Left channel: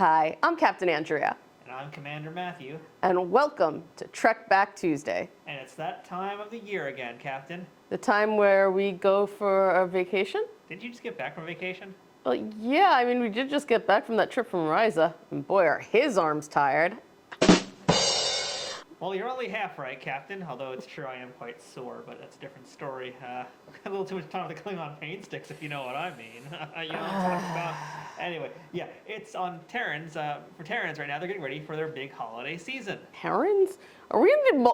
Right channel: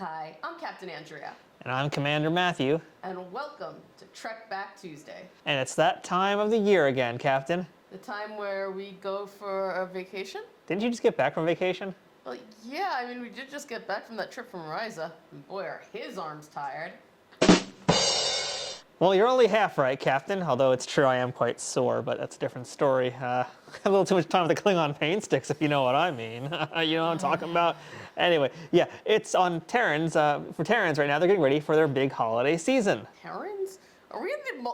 Hi, I'm Captain Andrea. And I'm Commander Matthew. And welcome to Trek Back Tuesday. And it's that time of the year again, Captain. The time where we go for a vacation? Didn't you just get back from vacation? Well, yeah, I mean, we did just get back from that trip from Ryza. And boy, are his arms tired. Well, you're only half right, Captain, although it's true I am quite sore, but that's a different story. A little too much time with the Klingon pain sticks, if you know what I mean. You know what I'm talking about? Anyway, yeah, it's on Terrans, for Terrans right now, they're getting ready for their big holiday season. Terrans? Are we in the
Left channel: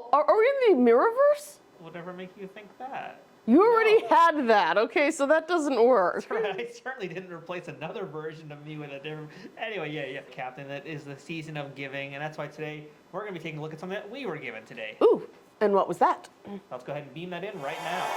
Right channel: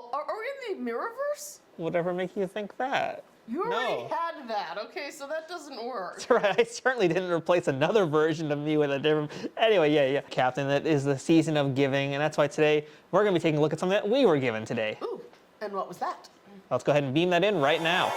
Mirrorverse? Whatever make you think that? You already No. had that, okay, so that doesn't work. That's right, I certainly didn't replace another version of me with a different... Anyway, yeah, Captain, that is the season of giving, and that's why today we're going to be taking a look at something that we were given today. Ooh, and what was that? Let's go ahead and beam that in right now.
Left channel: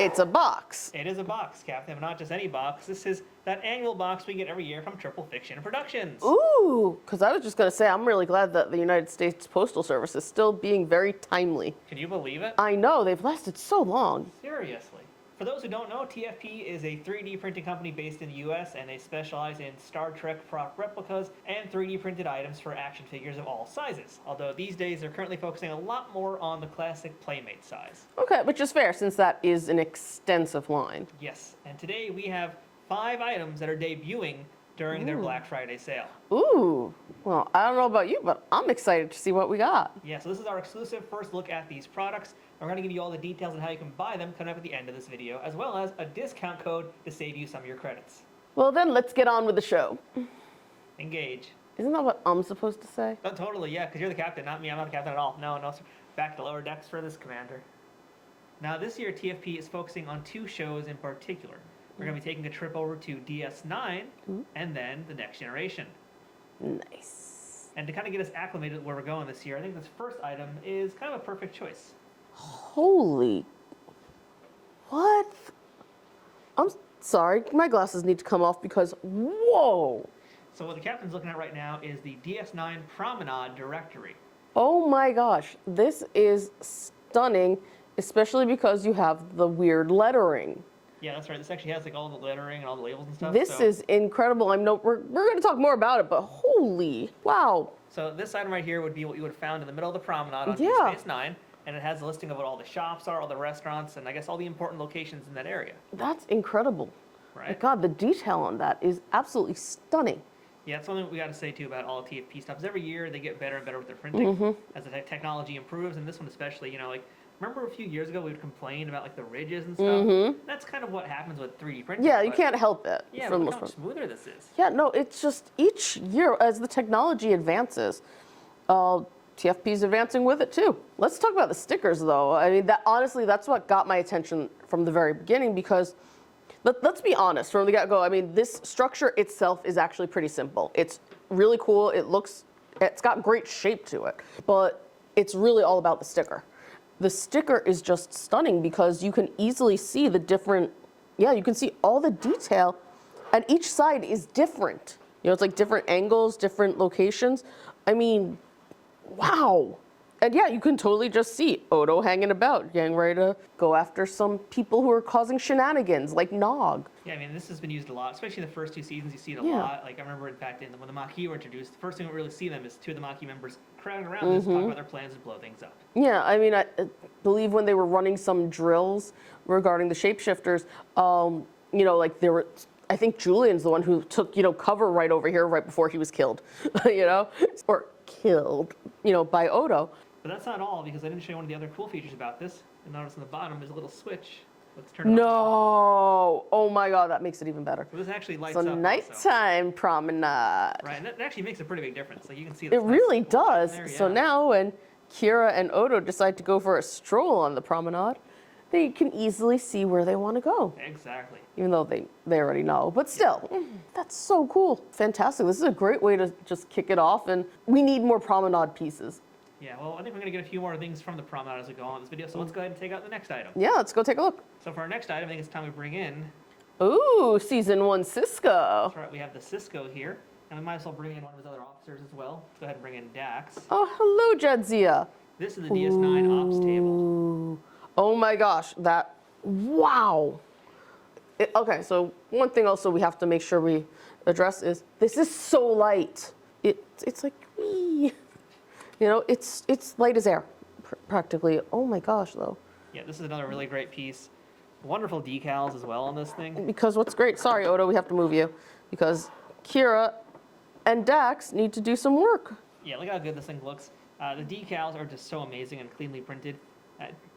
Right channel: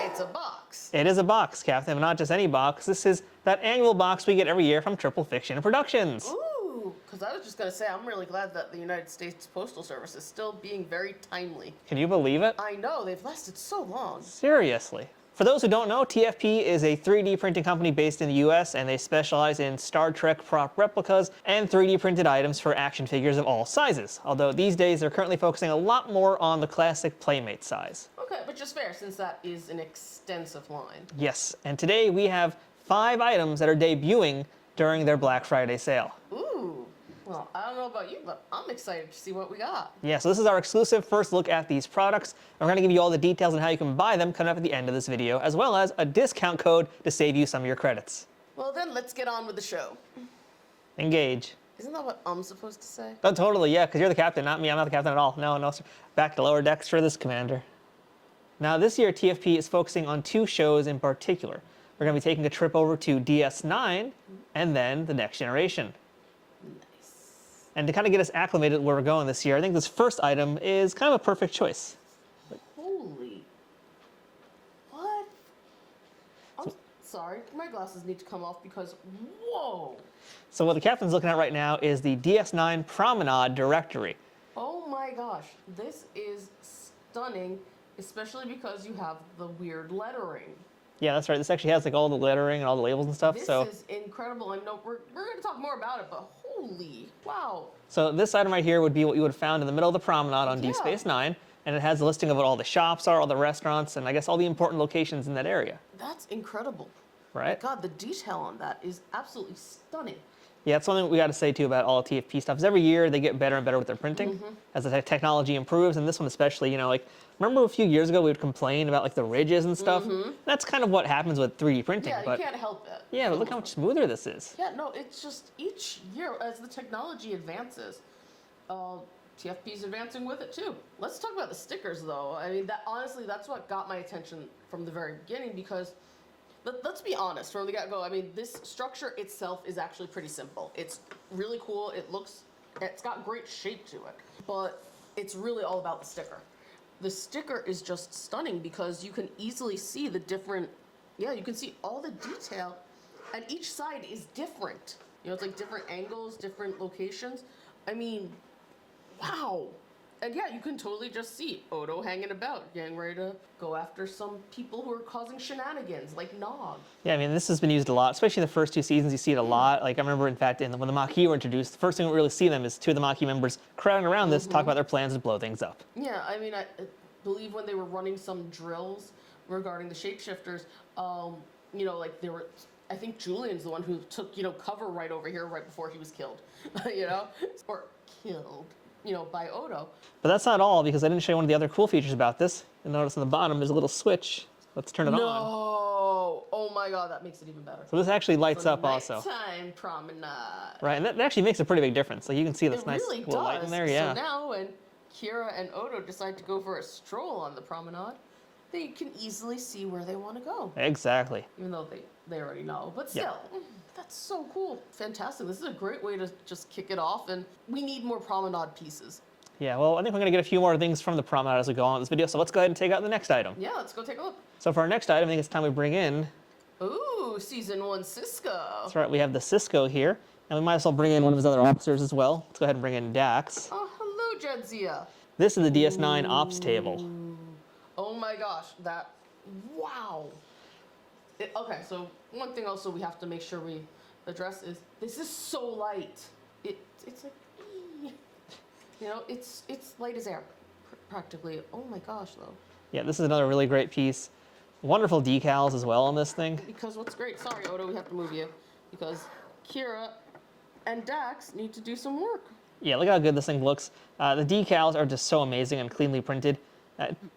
It's a box. It is a box, Captain, but not just any box. This is that annual box we get every year from Triple Fiction Productions. Ooh, because I was just going to say, I'm really glad that the United States Postal Service is still being very timely. Can you believe it? I know, they've lasted so long. Seriously. For those who don't know, TFP is a 3D printing company based in the US, and they specialize in Star Trek prop replicas and 3D printed items for action figures of all sizes. Although these days they're currently focusing a lot more on the classic Playmate size. Okay, which is fair since that is an extensive line. Yes, and today we have 5 items that are debuting during their Black Friday sale. Ooh, well, I don't know about you, but I'm excited to see what we got. Yeah, so this is our exclusive first look at these products. We're going to give you all the details on how you can buy them coming up at the end of this video, as well as a discount code to save you some of your credits. Well then, let's get on with the show. Engage. Isn't that what I'm supposed to say? Oh, totally, yeah, because you're the captain, not me. I'm not the captain at all. No, sir. Back to lower decks for this, Commander. Now, this year, TFP is focusing on 2 shows in particular. We're going to be taking a trip over to DS9 and then the Next Generation. Nice. And to kind of get us acclimated where we're going this year, I think this first item is kind of a perfect choice. Holy. What? I'm sorry, my glasses need to come off because, whoa. So what the captain's looking at right now is the DS9 Promenade directory. Oh my gosh, this is stunning, especially because you have the weird lettering. Yeah, that's right. This actually has like all the lettering and all the labels and stuff. This is incredible. We're going to talk more about it, but holy, wow. So this item right here would be what you would have found in the middle of the promenade on Deep Space Nine, and it has a listing of what all the shops are, all the restaurants, and I guess all the important locations in that area. That's incredible. Right? God, the detail on that is absolutely stunning. Yeah, it's something we got to say too about all TFP stuff. Is every year they get better and better with their printing as the technology improves, and this one especially. You know, like remember a few years ago we would complain about like the ridges and stuff. That's kind of what happens with 3D printing. Yeah, you can't help it. Yeah, but look how much smoother this is. Yeah, no, it's just each year as the technology advances, TFP's advancing with it too. Let's talk about the stickers though. I mean, that honestly, that's what got my attention from the very beginning because. Let's be honest, from the get-go, I mean, this structure itself is actually pretty simple. It's really cool, it's got great shape to it, but it's really all about the sticker. The sticker is just stunning because you can easily see the different, you can see all the detail, and each side is different. You know, it's like different angles, different locations. I mean, wow. And yeah, you can totally just see Odo hanging about, getting ready to go after some people who are causing shenanigans, like Nog. Yeah, I mean, this has been used a lot, especially in the first 2 seasons. You see it a lot. Like, I remember, in fact, when the Maquis were introduced, the first thing we really see them is 2 of the Maquis members crowding around this, talking about their plans to blow things up. Yeah, I mean, I believe when they were running some drills regarding the shapeshifters, you know, like I think Julian's the one who took, cover right over here right before he was killed, or killed, by Odo. But that's not all, because I didn't show you one of the other cool features about this. You'll notice on the bottom there's a little switch. Let's turn it on. No! Oh my god, that makes it even better. So this actually lights up also. Nighttime promenade. Right, and that actually makes a pretty big difference. Like you can see this It nice really cool light in does. there, yeah. So now when Kira and Odo decide to go for a stroll on the promenade, they can easily see where they want to go. Exactly. Even though they already know. But still, that's so cool. Fantastic. This is a great way to just kick it off, and we need more promenade pieces. Yeah, well, I think we're going to get a few more things from the promenade as we go on with this video, so let's go ahead and take out the next item. Yeah, let's go take a look. So for our next item, I think it's time we bring in... Ooh, Season 1 Cisco. That's right, we have the Cisco here, and we might as well bring in one of his other officers as well. Let's go ahead and bring in Dax. Oh, hello, Jadzia. This is the DS9 Ops table. Ooh. Oh my gosh, wow. Okay, so one thing also we have to make sure we address is, this is so light. It's like, wee. You know, it's light as air, practically. Oh my gosh, though. Yeah, this is another really great piece. Wonderful decals as well on this thing. Because what's great, sorry, Odo, we have to move you, because Kira and Dax need to do some work. Yeah, look how good this thing looks. The decals are just so amazing and cleanly printed.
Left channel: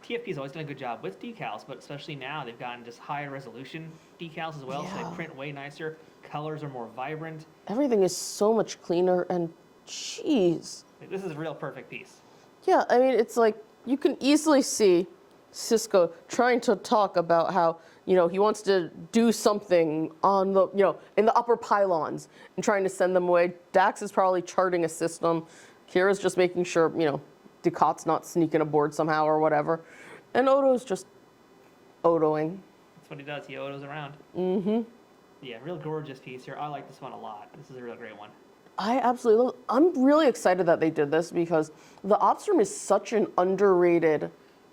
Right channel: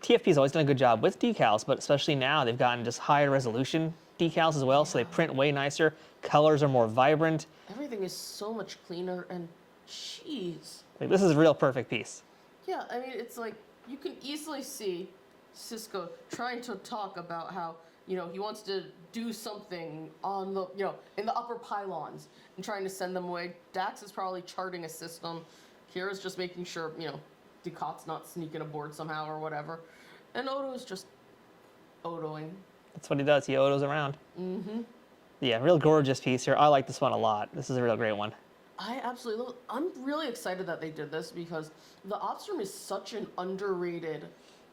TFP's always done a good job with decals, but especially now they've gotten just higher resolution decals as well, so they print way nicer. Colors are more vibrant. Everything is so much cleaner, and jeez. Like, this is a real perfect piece. Yeah, I mean, it's like, you can easily see Cisco trying to talk about how, you know, he wants to do something on the, you know, in the upper pylons and trying to send them away. Dax is probably charting a system. Kira's just making sure, you know, Ducat's not sneaking aboard somehow or whatever. And Odo's just Odoing. That's what he does. He odos around. Mm-hmm. Yeah, real gorgeous piece here. I like this one a lot. This is a real great one. I absolutely love it. I'm really excited that they did this because the Ops Room is such an underrated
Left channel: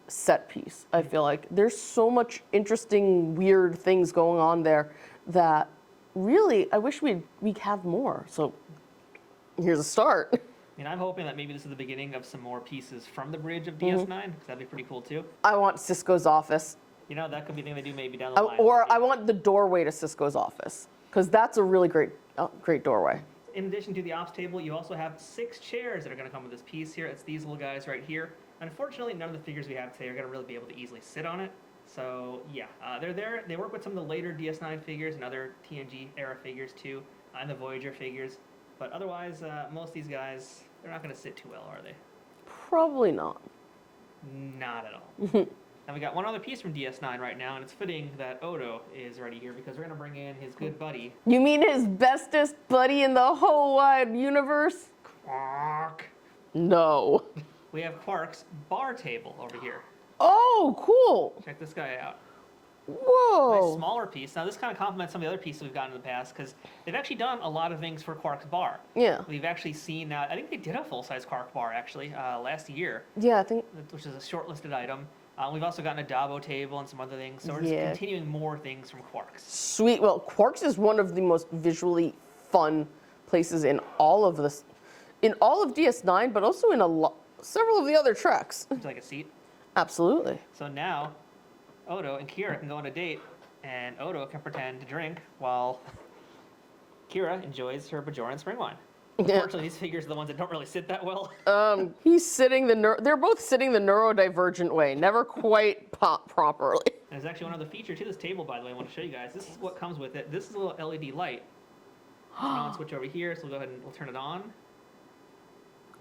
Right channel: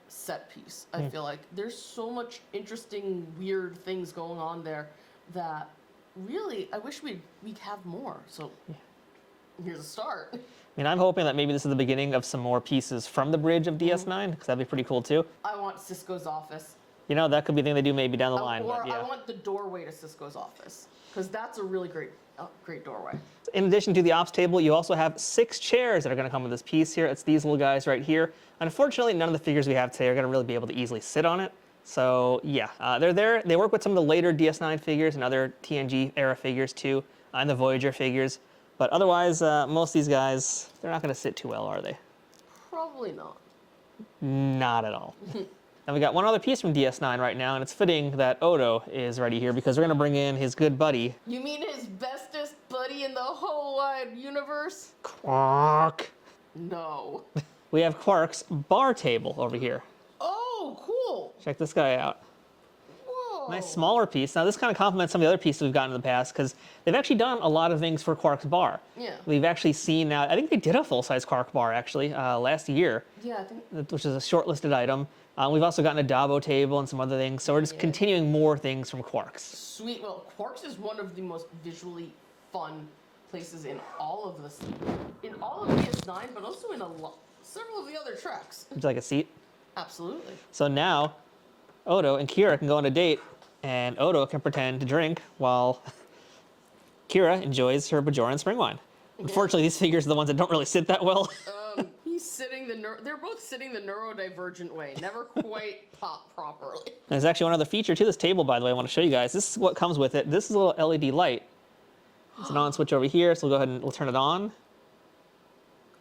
set piece, I feel like. There's so much interesting, weird things going on there that really, I wish we'd have more. So here's a start. I mean, I'm hoping that maybe this is the beginning of some more pieces from the bridge of DS9, because that'd be pretty cool too. I want Cisco's office. You know, that could be the thing they do maybe down the line. Or but yeah. I want the doorway to Cisco's office, because that's a really great doorway. In addition to the ops table, you also have 6 chairs that are going to come with this piece here. It's these little guys right here. Unfortunately, none of the figures we have today are going to really be able to easily sit on it. So yeah, they're there. They work with some of the later DS9 figures and other TNG era figures too, and the Voyager figures. But otherwise, most of these guys, they're not going to sit too well, are they? Probably not. Not at all. And we got one other piece from DS9 right now, and it's fitting that Odo is ready here because we're going to bring in his good buddy. You mean his bestest buddy in the whole wide universe? Quark. No. We have Quark's bar table over here. Oh, cool. Check this guy out. Whoa. Nice smaller piece. Now this kind of complements some of the other pieces we've gotten in the past because they've actually done a lot of things for Quark's bar. Yeah. We've actually seen now, I think they did a full-size Quark bar actually last year. Yeah, I think. Which is a shortlisted item. We've also gotten a Dabo table and some other things. So we're just continuing more things from Quark's. Sweet. Well, Quark's is one of the most visually fun places in all of this, in all of DS9, but also in several of the other treks. Would you like a seat? Absolutely. So now, Odo and Kira can go on a date, and Odo can pretend to drink while Kira enjoys her Bajoran spring wine. Unfortunately, these figures are the ones that don't really sit that well. He's sitting they're both sitting the neurodivergent way, never quite pop properly. There's actually one other feature to this table, by the way, I want to show you guys. This is what comes with it. This is a little LED light. It's an on switch over here, so we'll go ahead and we'll turn it on.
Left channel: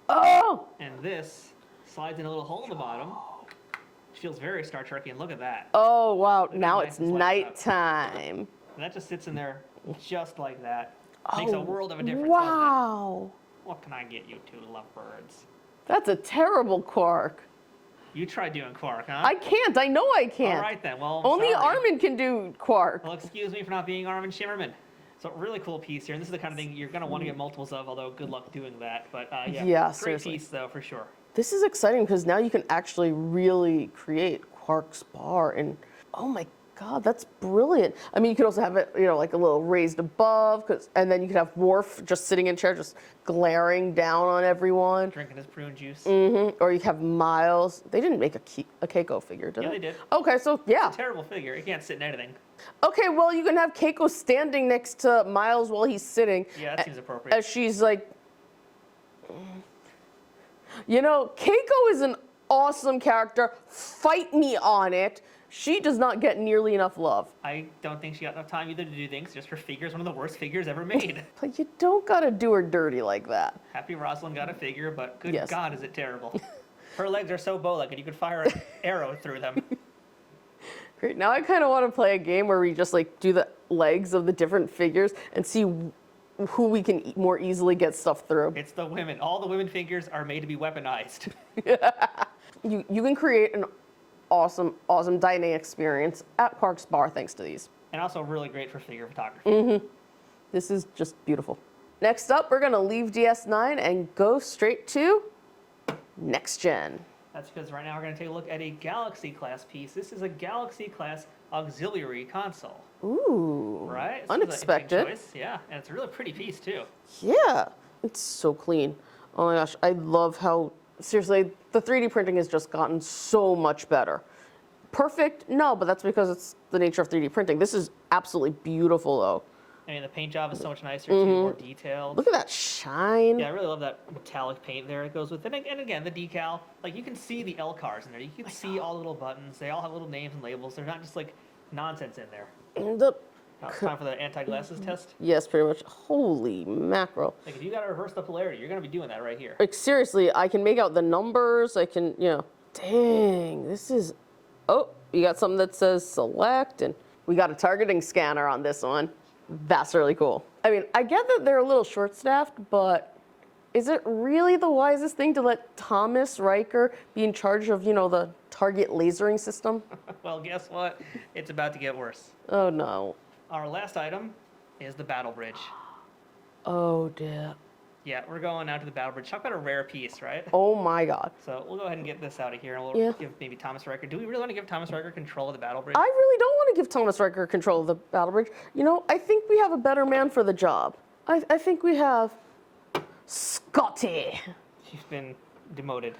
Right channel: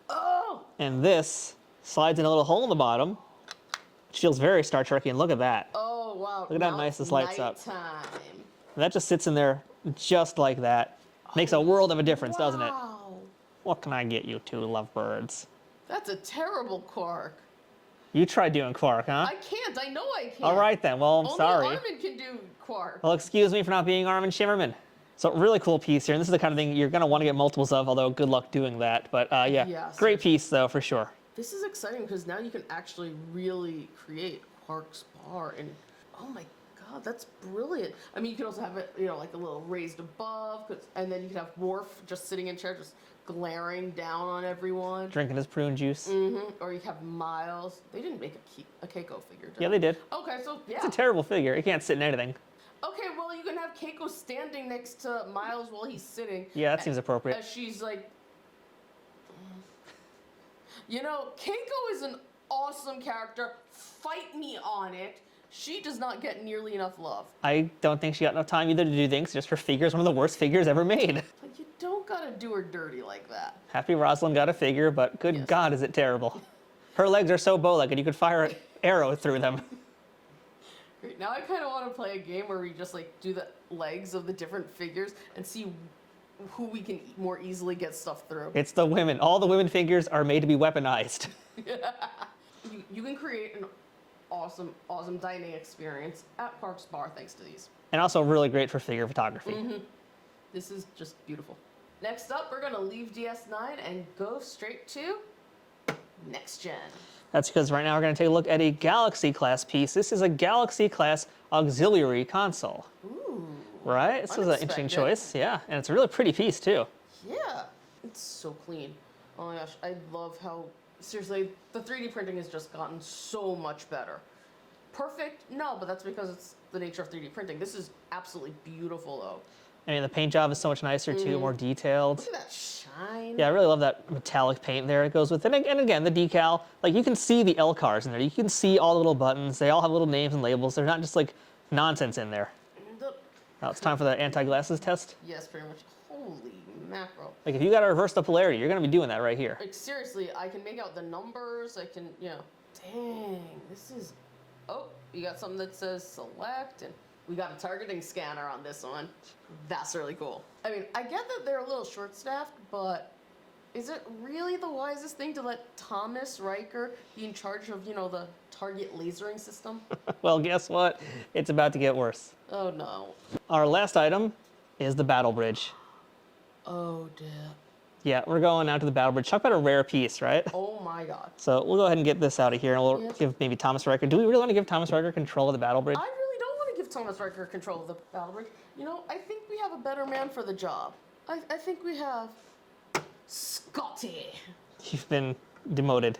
Oh! And this slides in a little hole in the bottom. Which feels very Star Trek-y, and look at that. Oh, wow. Look at Now how nice it's this lights up. nighttime. And that just sits in there just like that. Makes a world of a difference, doesn't it? Wow. What can I get you two lovebirds? That's a terrible Quark. You try doing Quark, huh? I can't. I know I can't. All right then. Well, I'm Only sorry. Armin can do Quark. Well, excuse me for not being Armin Shimmerman. So really cool piece here, and this is the kind of thing you're going to want to get multiples of, although good luck doing that. But yeah, great seriously. piece though, for sure. This is exciting because now you can actually really create Quark's bar, and oh my God, that's brilliant. I mean, you could also have it, you know, like a little raised above, and then you could have Worf just sitting in chair, just glaring down on everyone. Drinking his prune juice. Or you have Miles. They didn't make a Keiko figure, did they? Yeah, they did. Okay, so yeah. It's a terrible figure. He can't sit in anything. Okay, well, you can have Keiko standing next to Miles while he's sitting. Yeah, that seems appropriate. As she's like, you know, Keiko is an awesome character. Fight me on it. She does not get nearly enough love. I don't think she got enough time either to do things. Just her figure's one of the worst figures ever made. But you don't gotta do her dirty like that. Happy Rosalind got a figure, but good God, is it terrible. Her legs are so bow-legged, you could fire an arrow through them. Great. Now I kind of want to play a game where we just like do the legs of the different figures and see who we can more easily get stuff through. It's the women. All the women figures are made to be weaponized. You can create an awesome dining experience at Quark's bar thanks to these. And also really great for figure photography. This is just beautiful. Next up, we're gonna leave DS9 and go straight to Next Gen. That's because right now we're going to take a look at a Galaxy class piece. This is a Galaxy class auxiliary console. Ooh. Right? This is an interesting Unexpected. choice. Yeah, and it's a really pretty piece too. Yeah. It's so clean. Oh my gosh, I love how, seriously, the 3D printing has just gotten so much better. Perfect? No, but that's because it's the nature of 3D printing. This is absolutely beautiful, though. And the paint job is so much nicer too, more detailed. Look at that shine. Yeah, I really love that metallic paint there it goes with it. And again, the decal, like you can see the L cars in there. You can see all the little buttons. They all have little names and labels. They're not just like nonsense in there. Now it's time for the anti-glasses test. Yes, pretty much. Holy mackerel. Like if you got to reverse the polarity, you're going to be doing that right here. Like, seriously, I can make out the numbers. I can, dang, this is, oh, you got something that says select, and we got a targeting scanner on this one. That's really cool. I mean, I get that they're a little short-staffed, but is it really the wisest thing to let Thomas Riker be in charge of, the target lasering system? Well, guess what? It's about to get worse. Oh, no. Our last item is the battle bridge. Oh, dear. Yeah, we're going out to the battle bridge. Talk about a rare piece, right? Oh, my God. So we'll go ahead and get this out of here, and we'll Yeah. give maybe Thomas Riker. Do we really want to give Thomas Riker control of the battle bridge? I really don't want to give Thomas Riker control of the battle bridge. I think we have a better man for the job. I think we have Scotty. You've been demoted.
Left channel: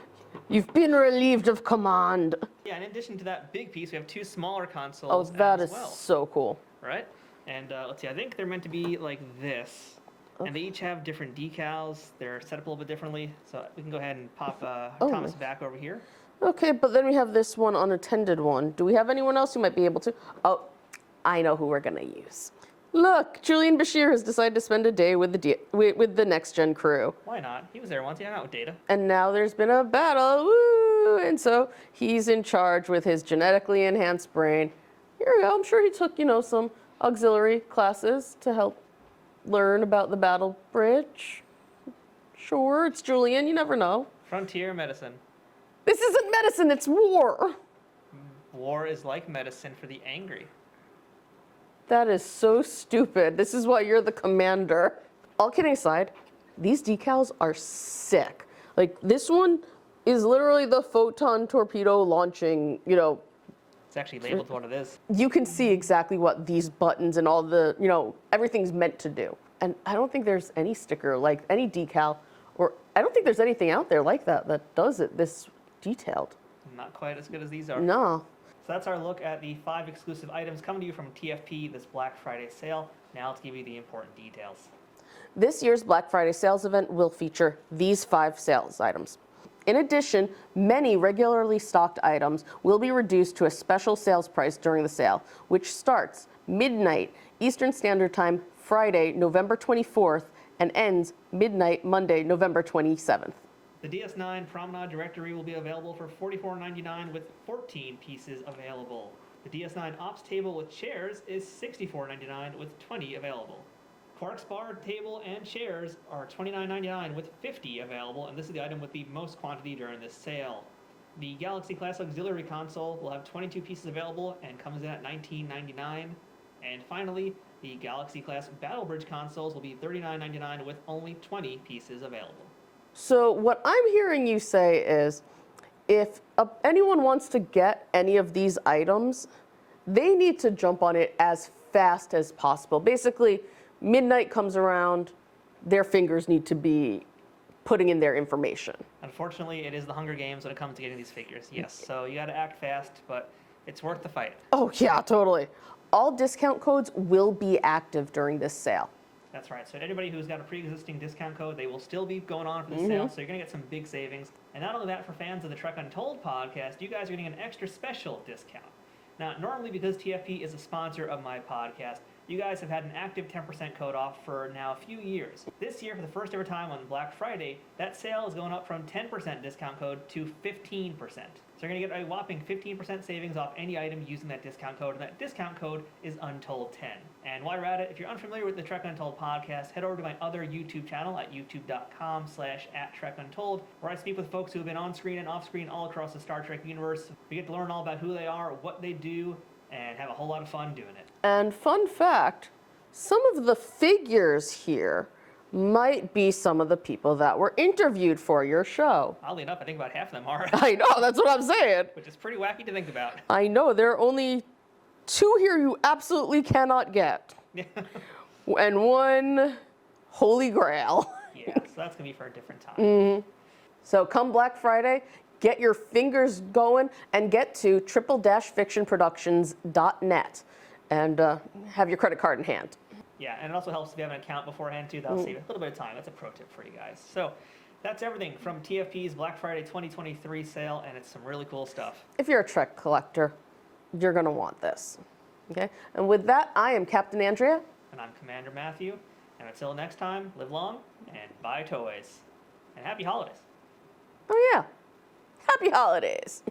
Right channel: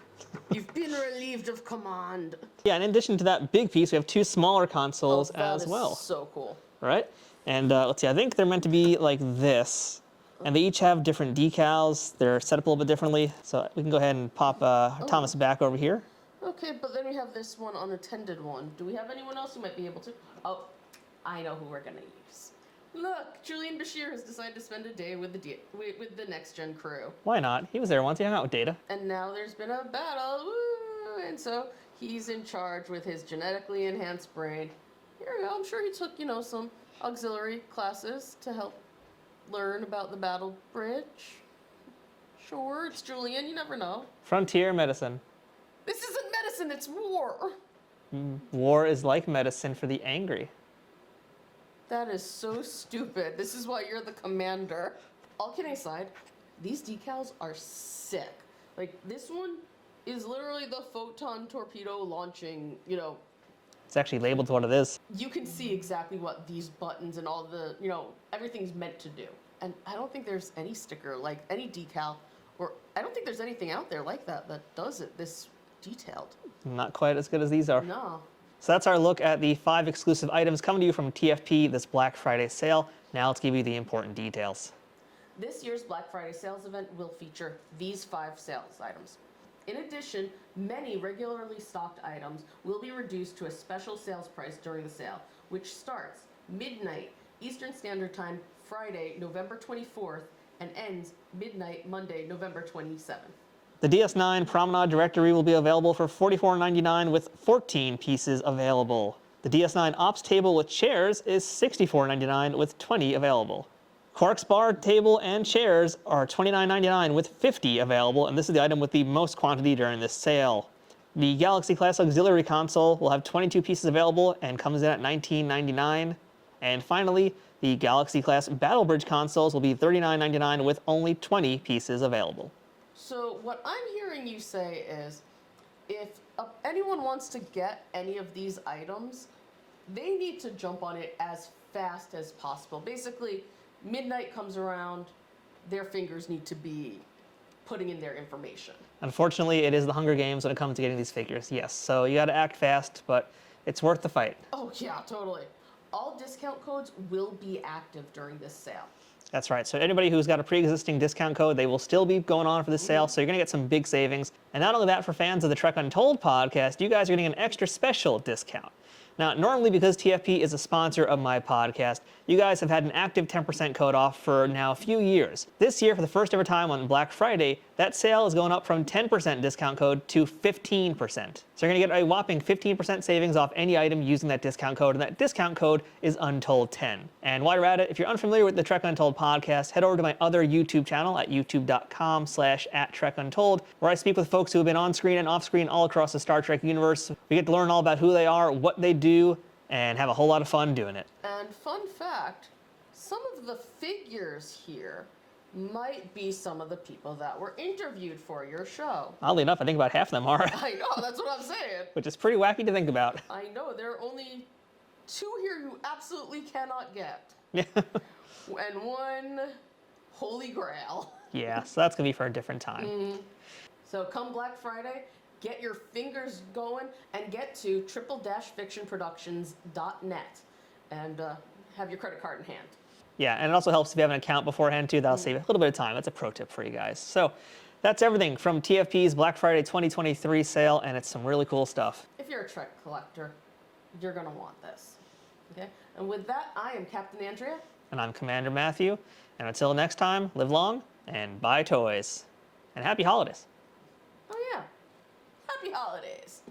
You've been relieved of command. Yeah, and in addition to that big piece, we have two smaller consoles That as is well, so cool. right? And let's see, I think they're meant to be like this. And they each have different decals. They're set up a little bit differently. So we can go ahead and pop Thomas back over here. Okay, but then we have this one unattended one. Do we have anyone else who might be able to? Oh, I know who we're gonna use. Look, Julian Bashir has decided to spend a day with the next gen crew. Why not? He was there once. He hung out with Data. And now there's been a battle, woo! And so he's in charge with his genetically enhanced brain. Here we go. I'm sure he took, some auxiliary classes to help learn about the battle bridge. Sure, it's Julian. You never know. Frontier medicine. This isn't medicine. It's war. War is like medicine for the angry. That is so stupid. This is why you're the commander. All kidding aside, these decals are sick. Like, this one is literally the photon torpedo launching, It's actually labeled to what it is. you can see exactly what these buttons and all the, everything's meant to do. And I don't think there's any sticker, like any decal, or I don't think there's anything out there like that does it this detailed. Not quite as good as these are. No. So that's our look at the 5 exclusive items coming to you from TFP this Black Friday sale. Now let's give you the important details. This year's Black Friday sales event will feature these 5 sales items. In addition, many regularly stocked items will be reduced to a special sales price during the sale, which starts midnight Eastern Standard Time, Friday, November 24th, and ends midnight Monday, November 27th. The DS9 Promenade directory will be available for $44.99 with 14 pieces available. The DS9 Ops table with chairs is $64.99 with 20 available. Quark's bar table and chairs are $29.99 with 50 available, and this is the item with the most quantity during this sale. The Galaxy Class Auxiliary Console will have 22 pieces available and comes in at $19.99. And finally, the Galaxy Class Battle Bridge consoles will be $39.99 with only 20 pieces available. So what I'm hearing you say is, if anyone wants to get any of these items, they need to jump on it as fast as possible. Basically, midnight comes around, their fingers need to be putting in their information. Unfortunately, it is the Hunger Games when it comes to getting these figures, yes. So you gotta act fast, but it's worth the fight. Oh yeah, totally. All discount codes will be active during this sale. That's right. So anybody who's got a pre-existing discount code, they will still be going on for the sale. So you're going to get some big savings. And not only that, for fans of the Trek Untold podcast, you guys are getting an extra special discount. Now, normally because TFP is a sponsor of my podcast, you guys have had an active 10% code off for now a few years. This year, for the first ever time on Black Friday, that sale is going up from 10% discount code to 15%. So you're going to get a whopping 15% savings off any item using that discount code, and that discount code is Untold10. And while you're at it, if you're unfamiliar with the Trek Untold podcast, head over to my other YouTube channel at youtube.com/@TrekUntold, where I speak with folks who have been on screen and off screen all across the Star Trek universe. We get to learn all about who they are, what they do, and have a whole lot of fun doing it. And fun fact, some of the figures here might be some of the people that were interviewed for your show. Oddly enough, I think about half of them are, I know, that's what I'm saying. which is pretty wacky to think about. I know, there are only two here you absolutely cannot get, Yeah. and one holy grail. Yeah, so that's going to be for a different time. So come Black Friday, get your fingers going and get to triple-fictionproductions.net and have your credit card in hand. Yeah, and it also helps if you have an account beforehand too. That'll save a little bit of time. That's a pro tip for you guys. So that's everything from TFP's Black Friday 2023 sale, and it's some really cool stuff. If you're a Trek collector, you're going to want this. Okay? And with that, I am Captain Andrea. And I'm Commander Matthew. And until next time, live long and buy toys. And happy holidays. Oh, yeah. Happy holidays.